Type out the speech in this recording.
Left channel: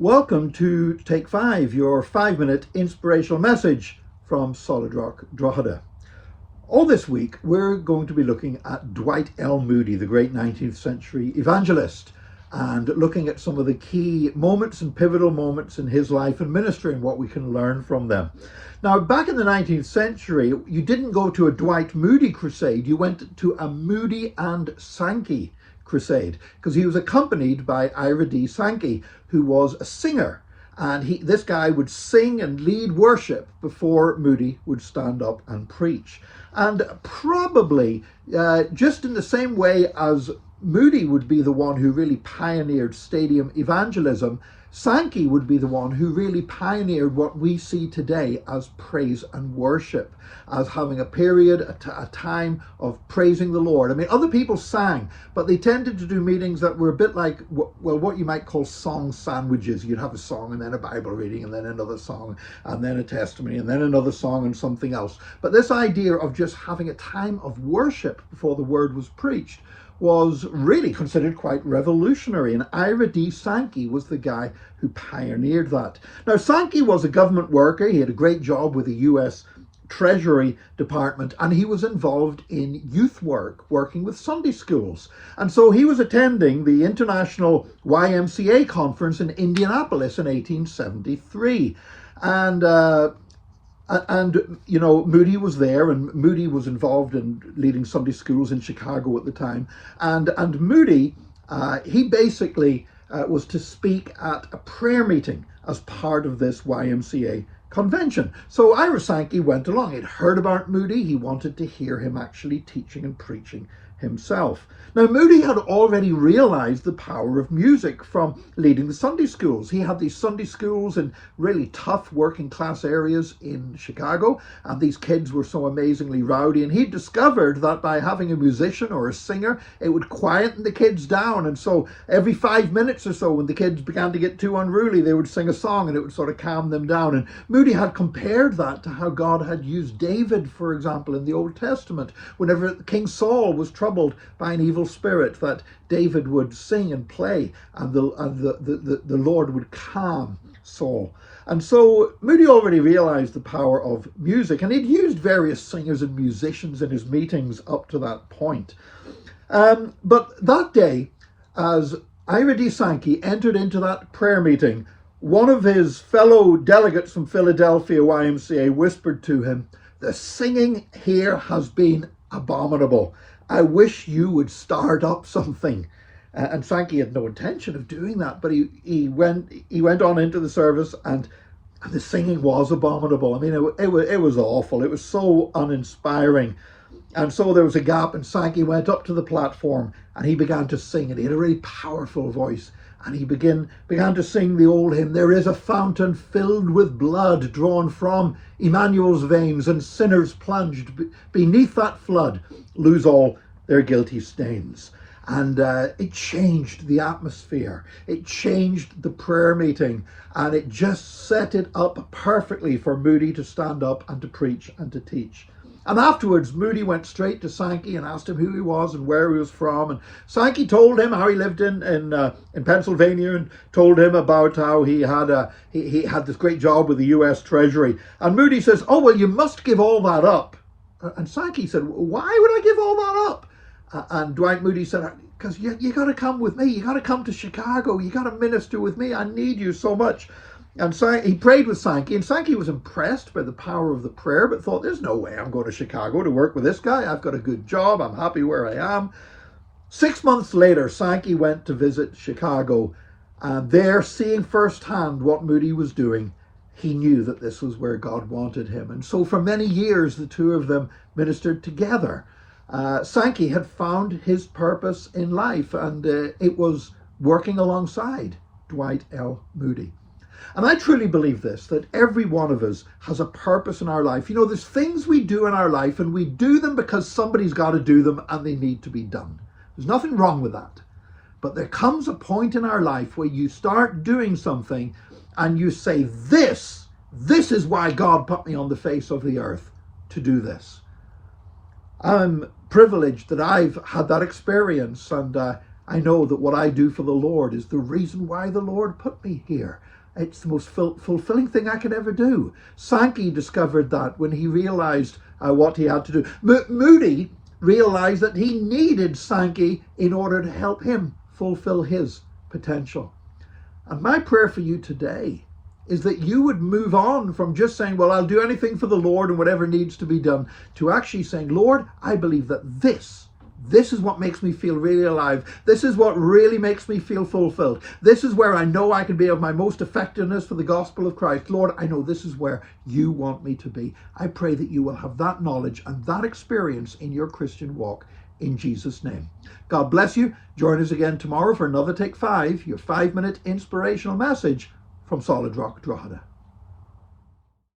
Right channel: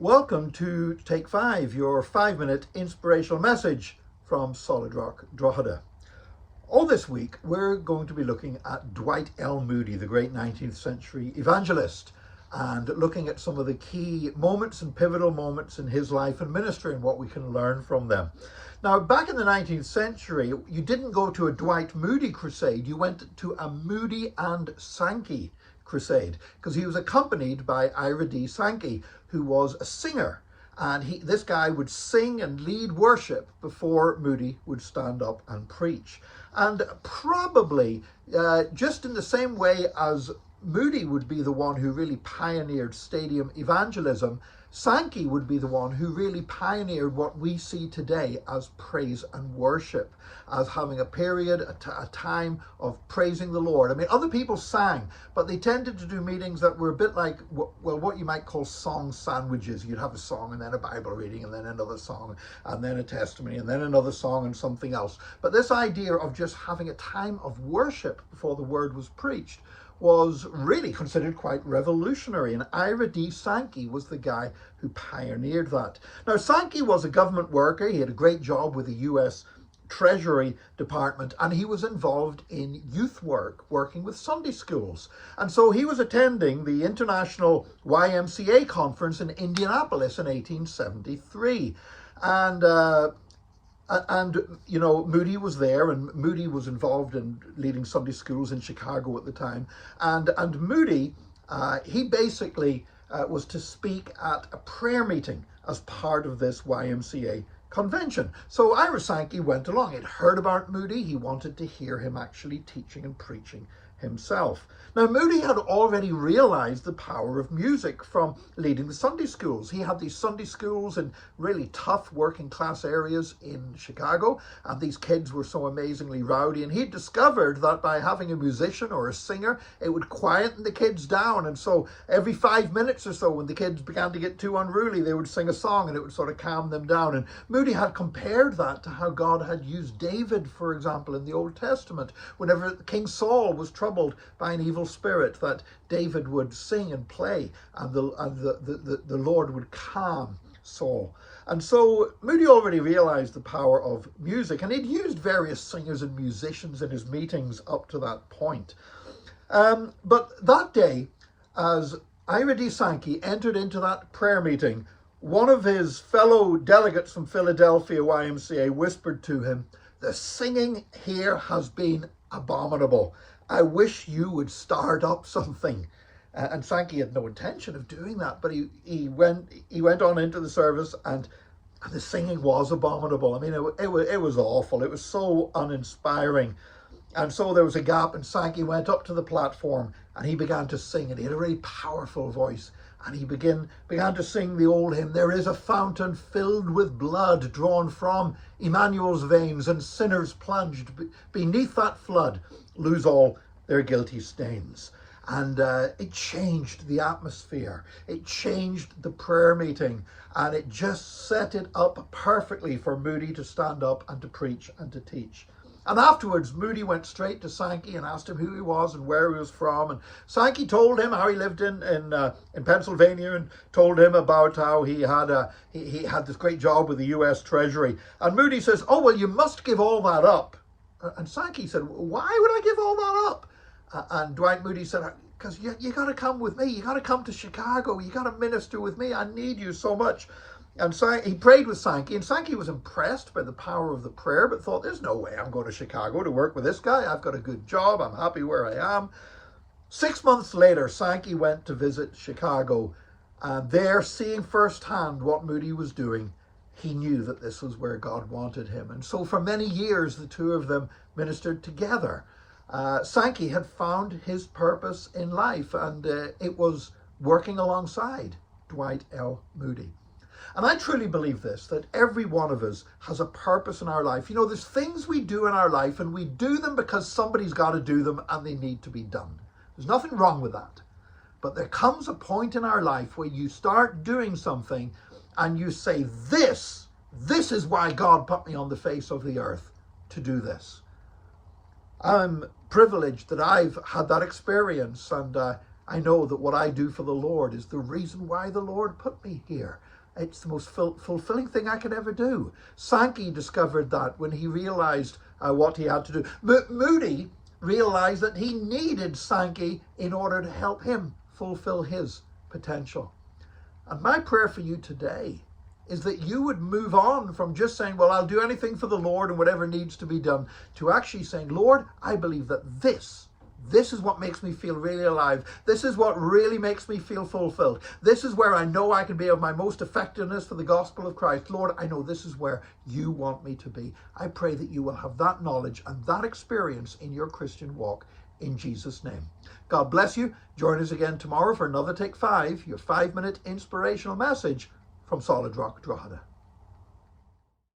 Welcome to Take 5, your 5-minute inspirational message from Solid Rock Drogheda. All this week, we're going to be looking at Dwight L. Moody, the great 19th century evangelist, and looking at some of the key moments and pivotal moments in his life and ministry and what we can learn from them. Now, back in the 19th century, you didn't go to a Dwight Moody crusade, you went to a Moody and Sankey crusade, because he was accompanied by Ira D. Sankey, who was a singer, and this guy would sing and lead worship before Moody would stand up and preach. And probably just in the same way as Moody would be the one who really pioneered stadium evangelism, Sankey would be the one who really pioneered what we see today as praise and worship, as having a period, a time of praising the Lord. I mean, other people sang, but they tended to do meetings that were a bit like, well, what you might call song sandwiches. You'd have a song and then a Bible reading and then another song and then a testimony and then another song and something else. But this idea of just having a time of worship before the word was preached was really considered quite revolutionary, and Ira D. Sankey was the guy who pioneered that. Now, Sankey was a government worker. He had a great job with the US Treasury Department, and he was involved in youth work, working with Sunday schools. And so he was attending the International YMCA conference in Indianapolis in 1873. And you know, Moody was there, and Moody was involved in leading Sunday schools in Chicago at the time. And Moody, he basically was to speak at a prayer meeting as part of this YMCA convention. So Ira Sankey went along. He'd heard about Moody. He wanted to hear him actually teaching and preaching himself. Now, Moody had already realized the power of music from leading the Sunday schools. He had these Sunday schools in really tough working class areas in Chicago, and these kids were so amazingly rowdy, and he discovered that by having a musician or a singer, it would quieten the kids down. And so every 5 minutes or so, when the kids began to get too unruly, they would sing a song and it would sort of calm them down. And Moody had compared that to how God had used David, for example, in the Old Testament. Whenever King Saul was troubled by an evil spirit, that David would sing and play, and the Lord would calm Saul. And so Moody already realized the power of music, and he'd used various singers and musicians in his meetings up to that point. But that day, as Ira D. Sankey entered into that prayer meeting, one of his fellow delegates from Philadelphia YMCA whispered to him, "The singing here has been abominable. I wish you would start up something." And Sankey had no intention of doing that, but he went on into the service, and the singing was abominable. I mean, it was awful. It was so uninspiring. And so there was a gap, and Sankey went up to the platform and he began to sing, and he had a really powerful voice. And he began to sing the old hymn, "There is a fountain filled with blood drawn from Emmanuel's veins, and sinners plunged beneath that flood lose all their guilty stains." And it changed the atmosphere. It changed the prayer meeting, and it just set it up perfectly for Moody to stand up and to preach and to teach. And afterwards, Moody went straight to Sankey and asked him who he was and where he was from. And Sankey told him how he lived in Pennsylvania, and told him about how he had this great job with the US Treasury. And Moody says, "Oh, well, you must give all that up." And Sankey said, "Why would I give all that up?" And Dwight Moody said, "Because you got to come with me. You got to come to Chicago. You got to minister with me. I need you so much." And he prayed with Sankey, and Sankey was impressed by the power of the prayer, but thought, "There's no way I'm going to Chicago to work with this guy. I've got a good job. I'm happy where I am." 6 months later, Sankey went to visit Chicago, and there, seeing firsthand what Moody was doing, he knew that this was where God wanted him. And so for many years, the two of them ministered together. Sankey had found his purpose in life, and it was working alongside Dwight L. Moody. And I truly believe this, that every one of us has a purpose in our life. You know, there's things we do in our life, and we do them because somebody's got to do them and they need to be done. There's nothing wrong with that. But there comes a point in our life where you start doing something and you say, this is why God put me on the face of the earth to do this. I'm privileged that I've had that experience, and I know that what I do for the Lord is the reason why the Lord put me here. It's the most fulfilling thing I could ever do. Sankey discovered that when he realized what he had to do. Moody realized that he needed Sankey in order to help him fulfill his potential. And my prayer for you today is that you would move on from just saying, well, I'll do anything for the Lord and whatever needs to be done, to actually saying, Lord, I believe that this is what makes me feel really alive. This is what really makes me feel fulfilled. This is where I know I can be of my most effectiveness for the gospel of Christ. Lord, I know this is where you want me to be. I pray that you will have that knowledge and that experience in your Christian walk in Jesus' name. God bless you. Join us again tomorrow for another Take 5, your 5-minute inspirational message from Solid Rock Drogheda.